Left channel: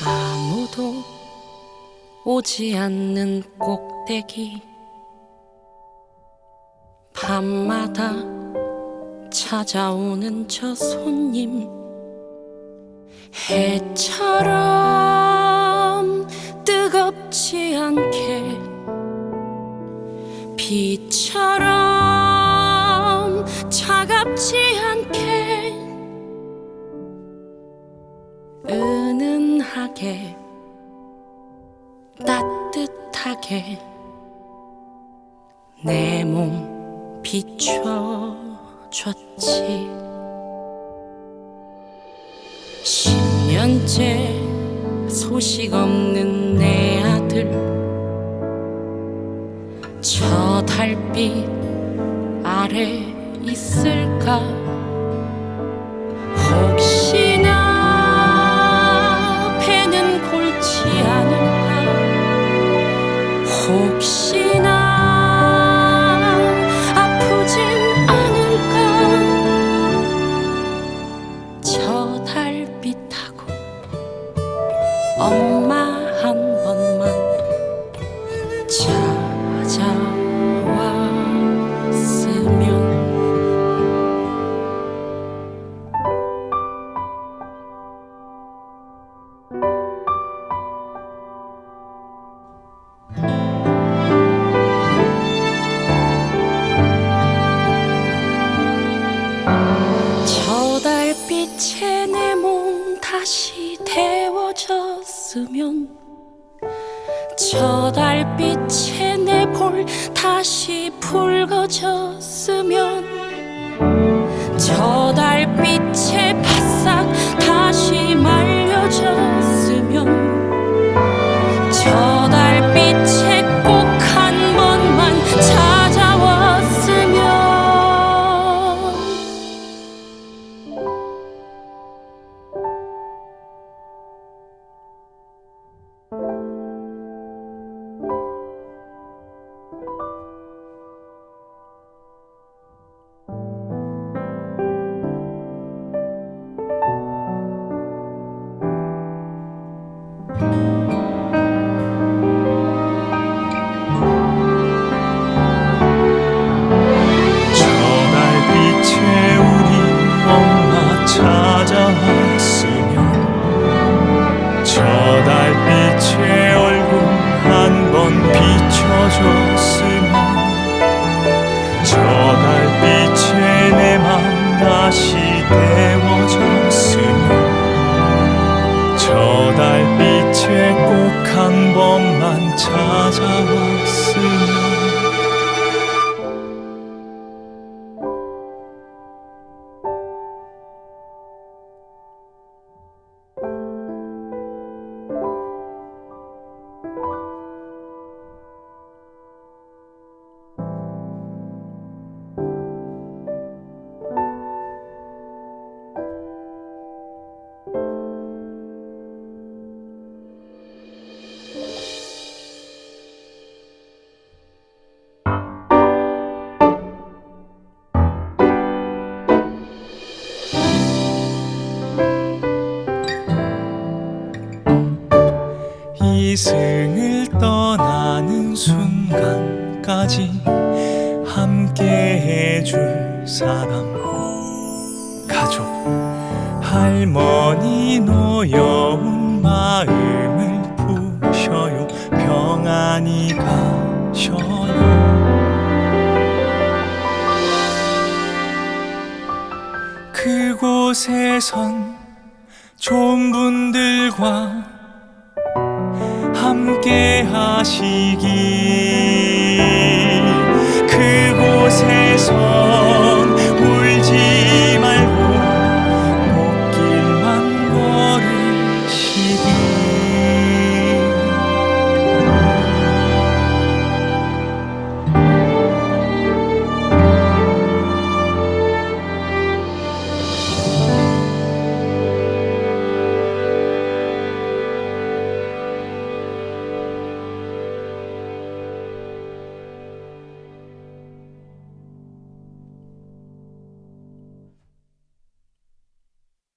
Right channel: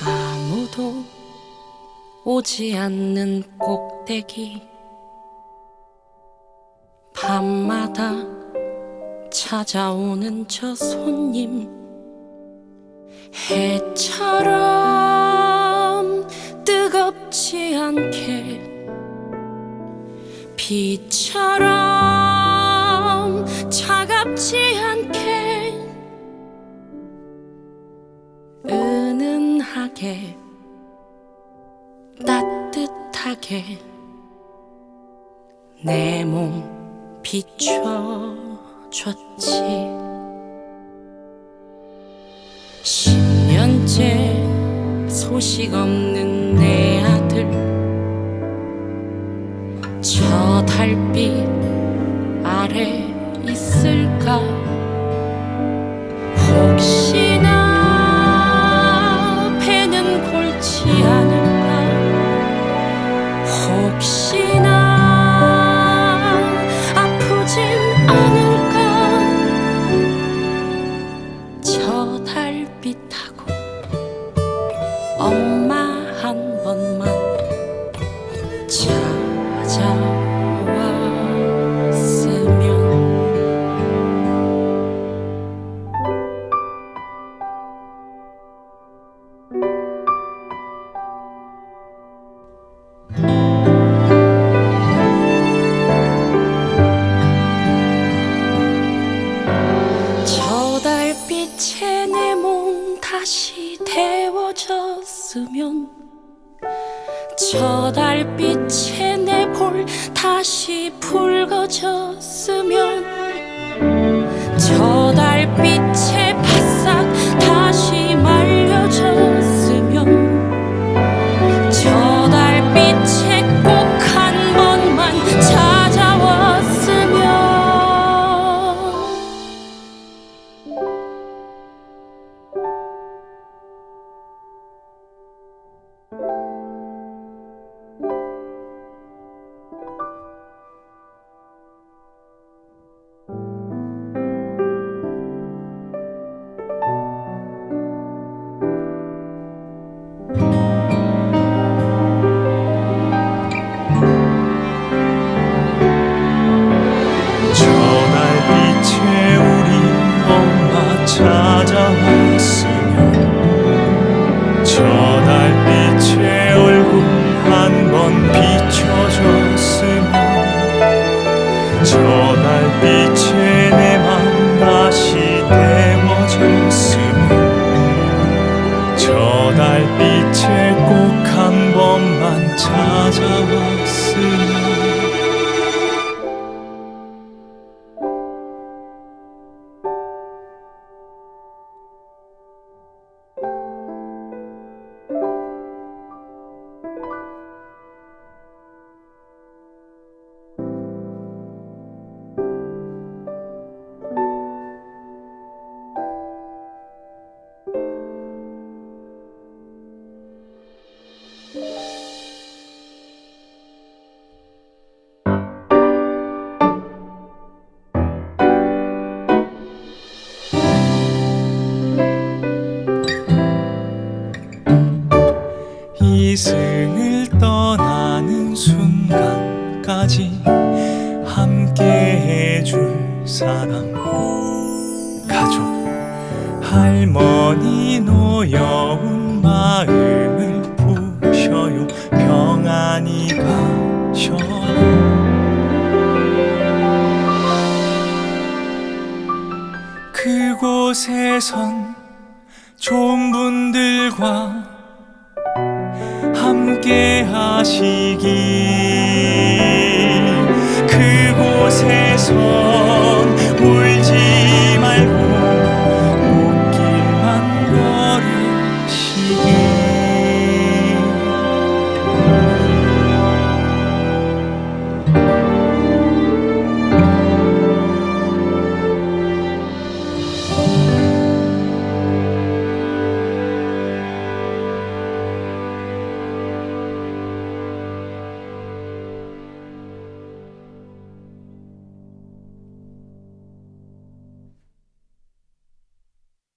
아무도 오지 않는 꼭대기. 밤마다 찾아오는 저 손님. 해처럼 뜨겁지 않게. 비처럼 은은하게 따뜻하게 내 몸 비춰줬지. 10년째 소식 없는 내 아들 저 달빛 아래 있을까? 혹시 혹시나 아프진 않을까? 저 달빛하고 엄마 다시 데워졌으면 저 달빛에 내 볼 다시 붉어졌으면 저 달빛에 빛에 우리 엄마 찾아왔으면 저 달빛에 얼굴 한 번 비춰줬으면 저 달빛에 내 맘 다시 데워졌으면 저 달빛에 꼭 한 번만 찾아왔으면 이승을 떠나는 순간까지 함께 해줄 사람. 가족 할머니 노여운 마음을 부셔요. 평안히 가셔요. 그곳에선 좋은 분들과 함께 하시기. 그곳에서